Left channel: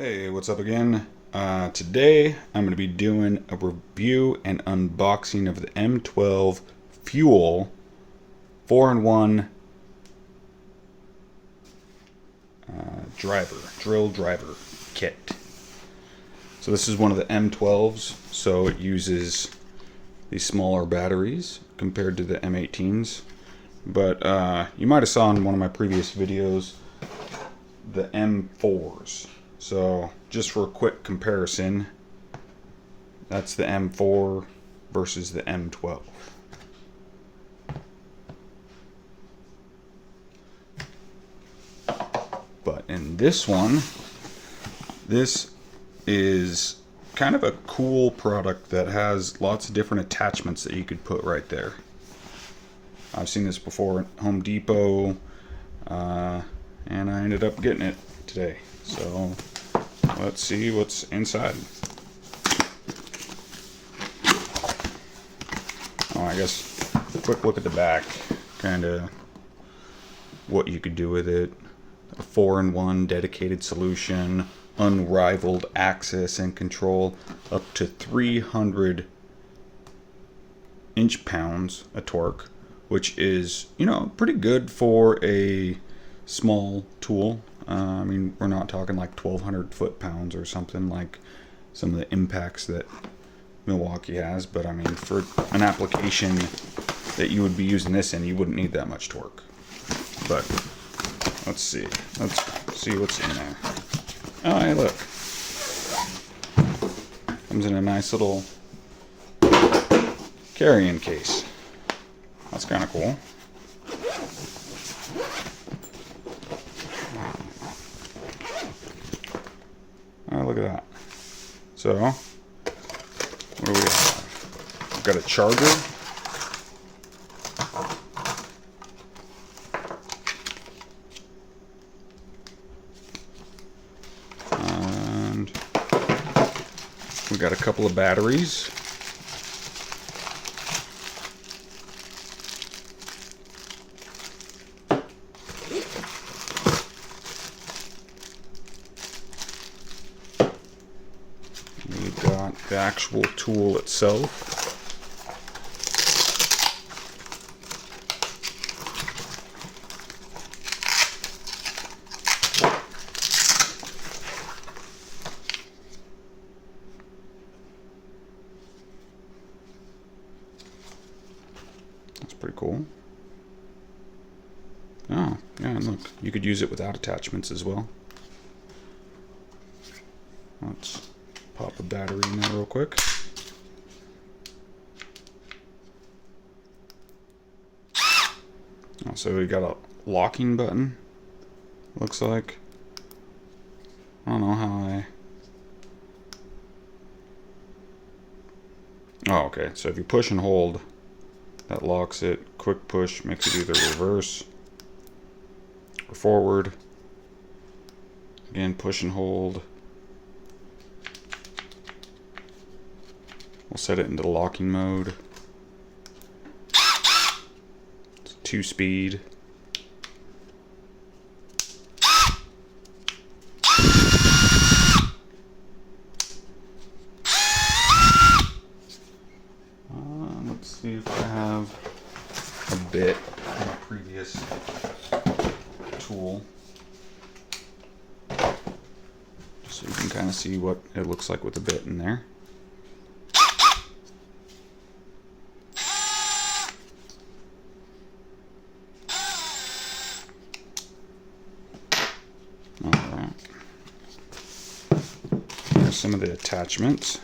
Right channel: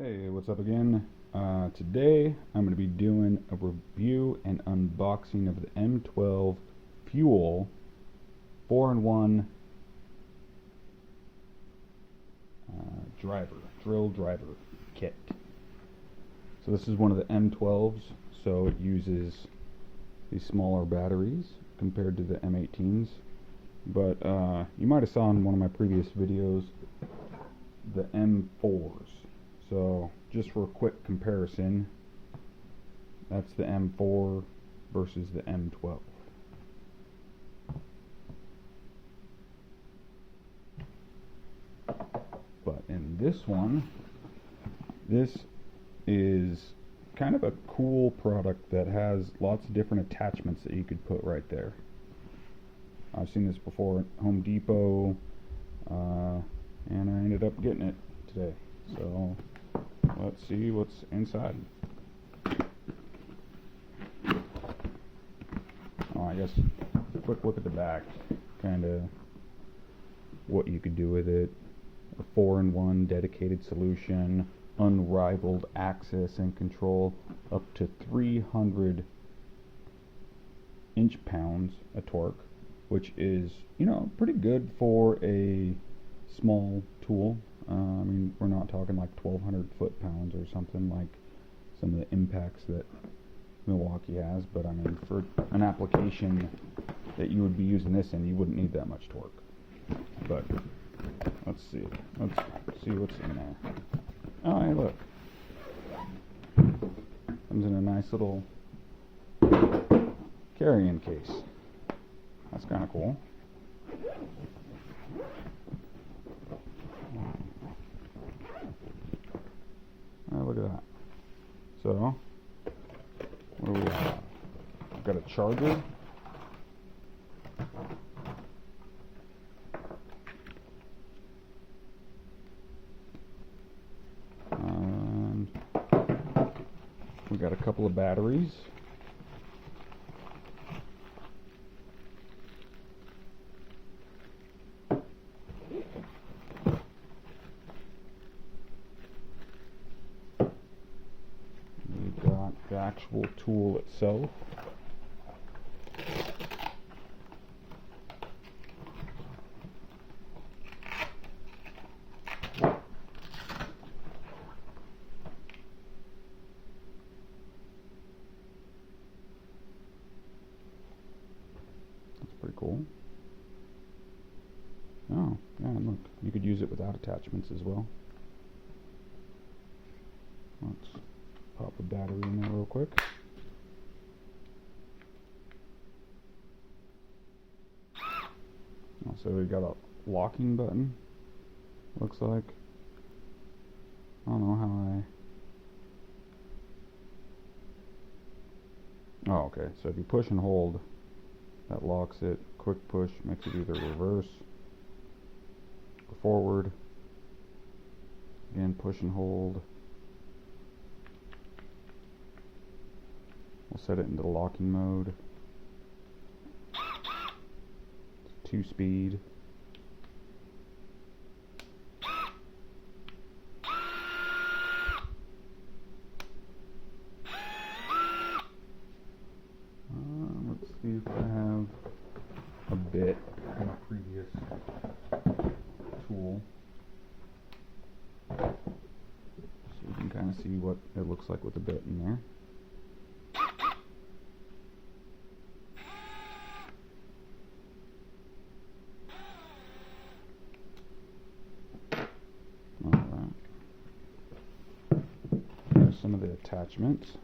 Hey, what's up again? Today I'm going to be doing a review and unboxing of the M12 Fuel 4-in-1 drill driver kit. So this is one of the M12s, so it uses these smaller batteries compared to the M18s. But you might have saw in one of my previous videos the M4s. So just for a quick comparison, that's the M4 versus the M12. But in this one, this is kind of a cool product that has lots of different attachments that you could put right there. I've seen this before at Home Depot, and I ended up getting it today. So let's see what's inside. Oh, I guess a quick look at the back, kind of what you could do with it. A 4-in-1 dedicated solution, unrivaled access and control, up to 300 inch-pounds of torque, which is, pretty good for a small tool. I mean, we're not talking like 1,200 foot-pounds or something like some of the impacts that Milwaukee has, but I mean, for an application that you would be using this in, you wouldn't need that much torque. But let's see what's in there. Oh, hey, look. Comes in a nice little carrying case. That's kind of cool. Oh, look at that. So, what do we have? We've got a charger. And we got a couple of batteries. We've got the actual tool itself. That's pretty cool. Oh, yeah, and look, you could use it without attachments as well. Let's pop a battery in there real quick. Oh, so we got a locking button, looks like. I don't know how Oh, okay, so if you push and hold, that locks it. Quick push makes it either reverse or forward. Again, push and hold. We'll set it into the locking mode. It's 2-speed. Let's see if I have a bit from a previous tool, so you can kind of see what it looks like with a bit in there. Alright, here's some of the attachments.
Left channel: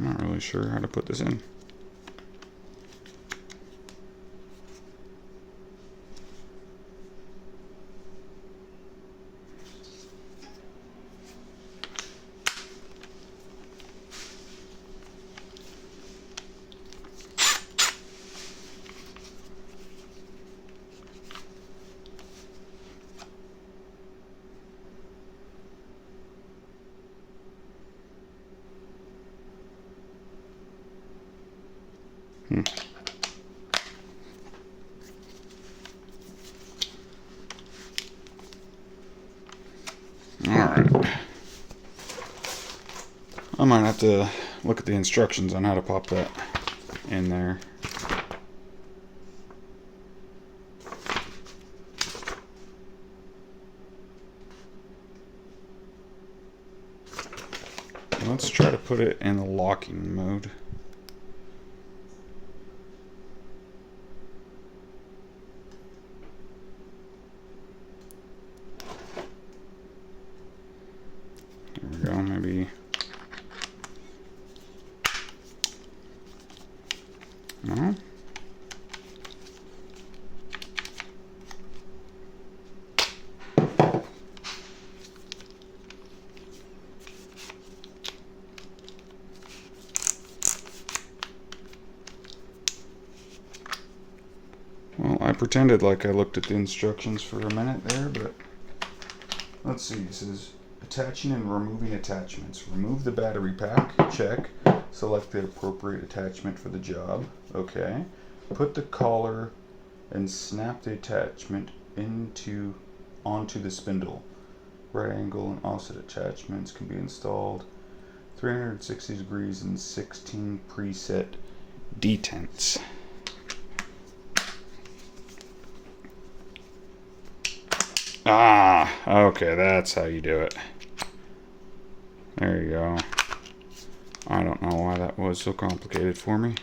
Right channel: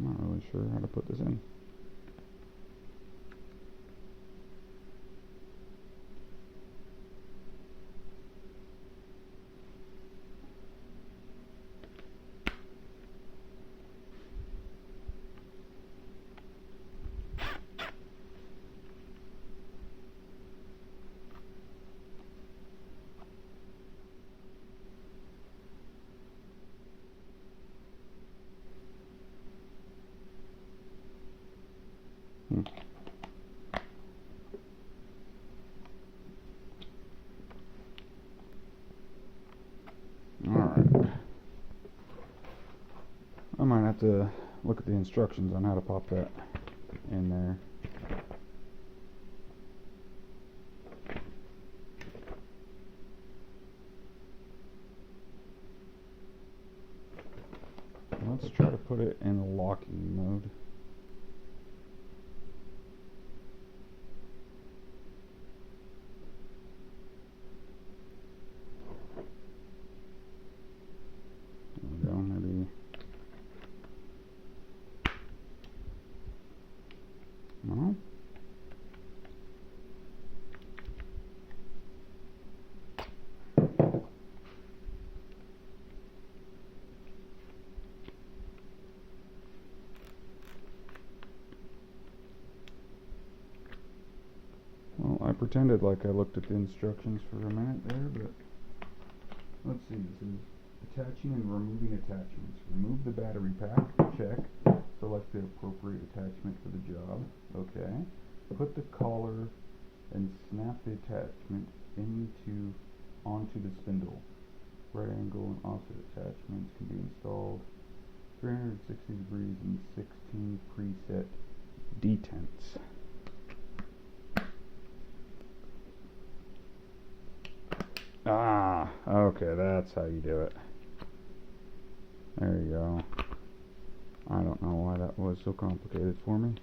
I'm not really sure how to put this in. Alright. I might have to look at the instructions on how to pop that in there. Let's try to put it in the locking mode. There we go, maybe. No? Well, I pretended like I looked at the instructions for a minute there, but let's see. It says attaching and removing attachments. Remove the battery pack. Check. Select the appropriate attachment for the job. Okay. Put the collar and snap the attachment onto the spindle. Right angle and offset attachments can be installed 360 degrees and 16 preset detents. Ah, okay, that's how you do it. There you go. I don't know why that was so complicated for me.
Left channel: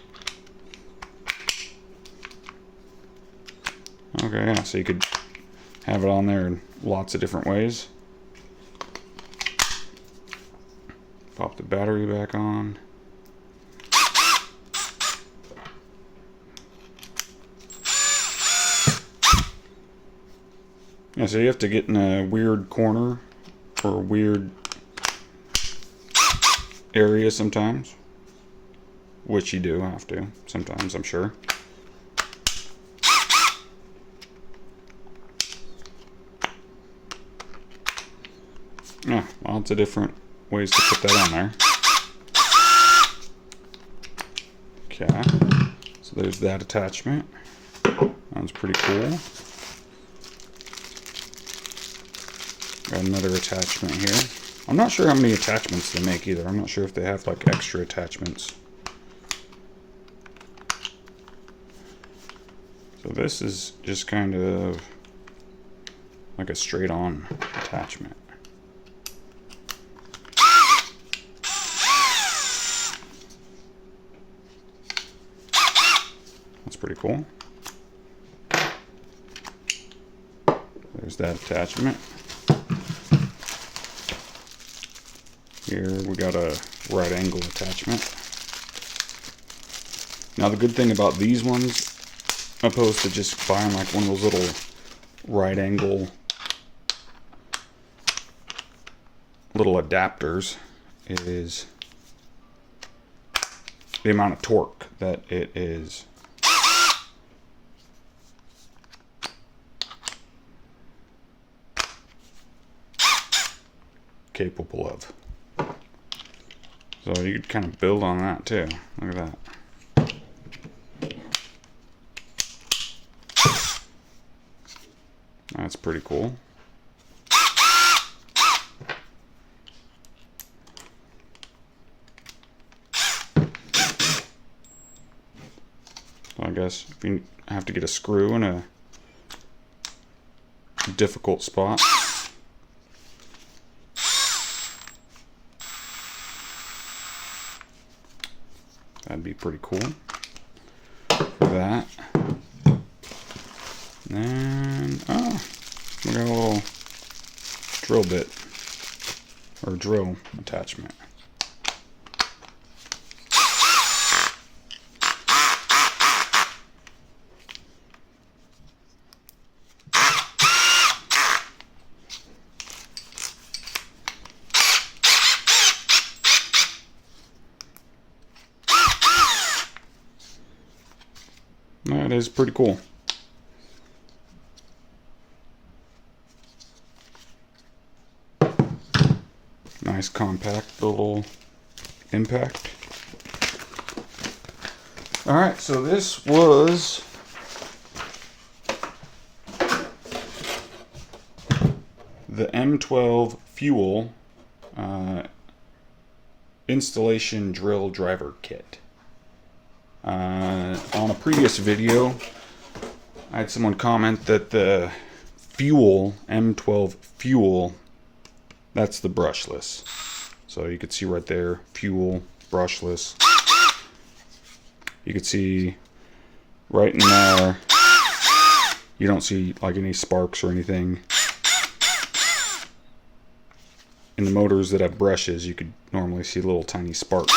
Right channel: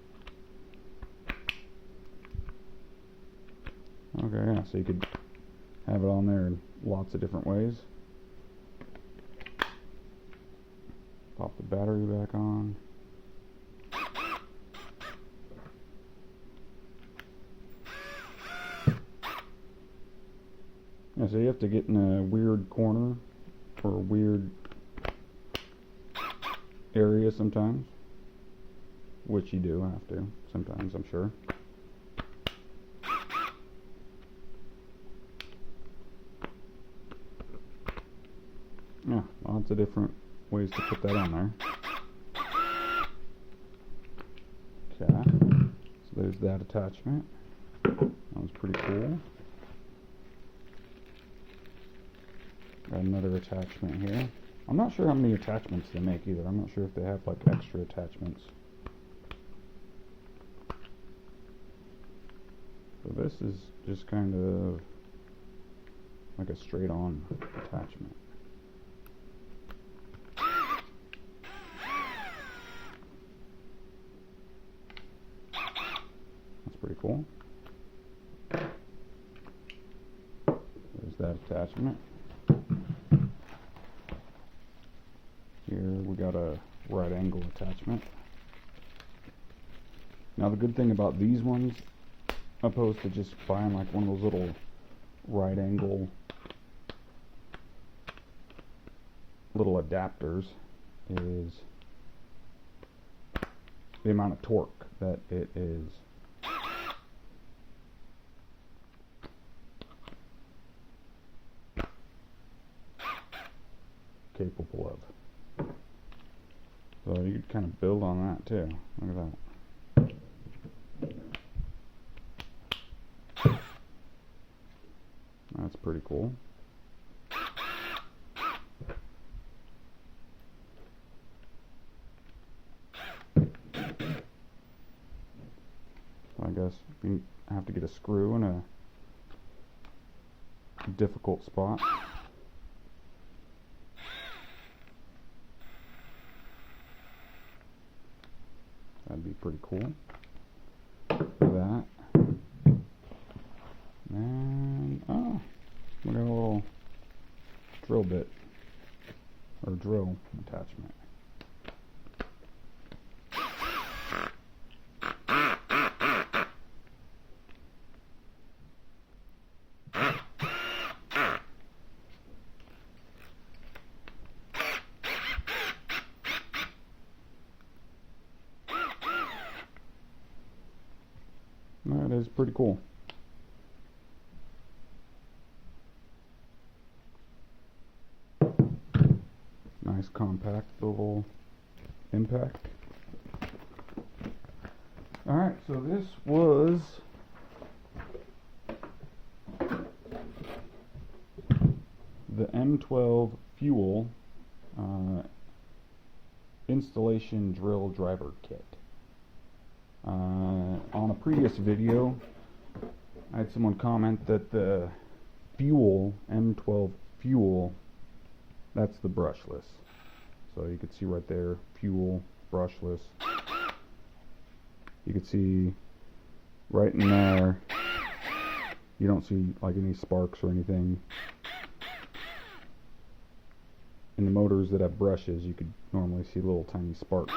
Okay, yeah, so you could have it on there in lots of different ways. Pop the battery back on. Yeah, so you have to get in a weird corner or a weird area sometimes, which you do have to sometimes, I'm sure. Yeah, lots of different ways to put that on there. Okay, so there's that attachment. That's pretty cool. Got another attachment here. I'm not sure how many attachments they make either. I'm not sure if they have like extra attachments. So this is just kind of like a straight on attachment. That's pretty cool. There's that attachment. Here we got a right angle attachment. Now the good thing about these ones, opposed to just buying like one of those little right angle little adapters, is the amount of torque that it is capable of. So you could kind of build on that too. Look at that. That's pretty cool. So I guess if you have to get a screw in a difficult spot, that'd be pretty cool for that. And oh, we got a little drill bit or drill attachment. That is pretty cool. Nice compact little impact. All right, so this was the M12 Fuel installation drill driver kit. On a previous video, I had someone comment that the Fuel, M12 Fuel, that's the brushless. So you could see right there, Fuel, brushless. You could see right in there, you don't see like any sparks or anything. In the motors that have brushes, you could normally see little tiny sparks.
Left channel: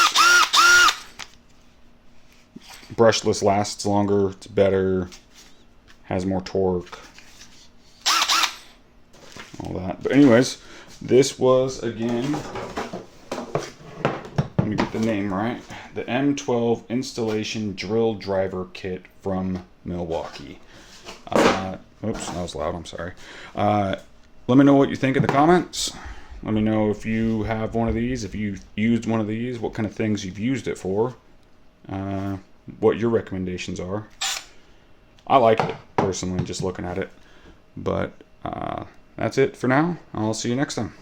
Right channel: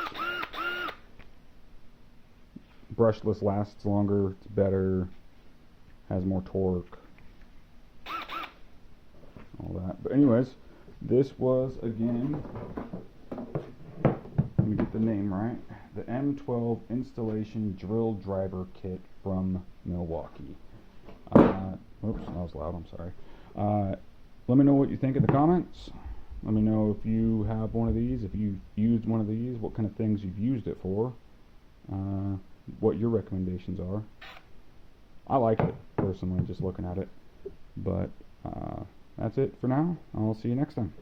Brushless lasts longer, it's better, has more torque, all that. But anyways, this was, again, let me get the name right, the M12 Installation Drill Driver Kit from Milwaukee. Oops, that was loud, I'm sorry. Let me know what you think in the comments. Let me know if you have one of these, if you've used one of these, what kind of things you've used it for, what your recommendations are. I like it, personally, just looking at it. But that's it for now. I'll see you next time.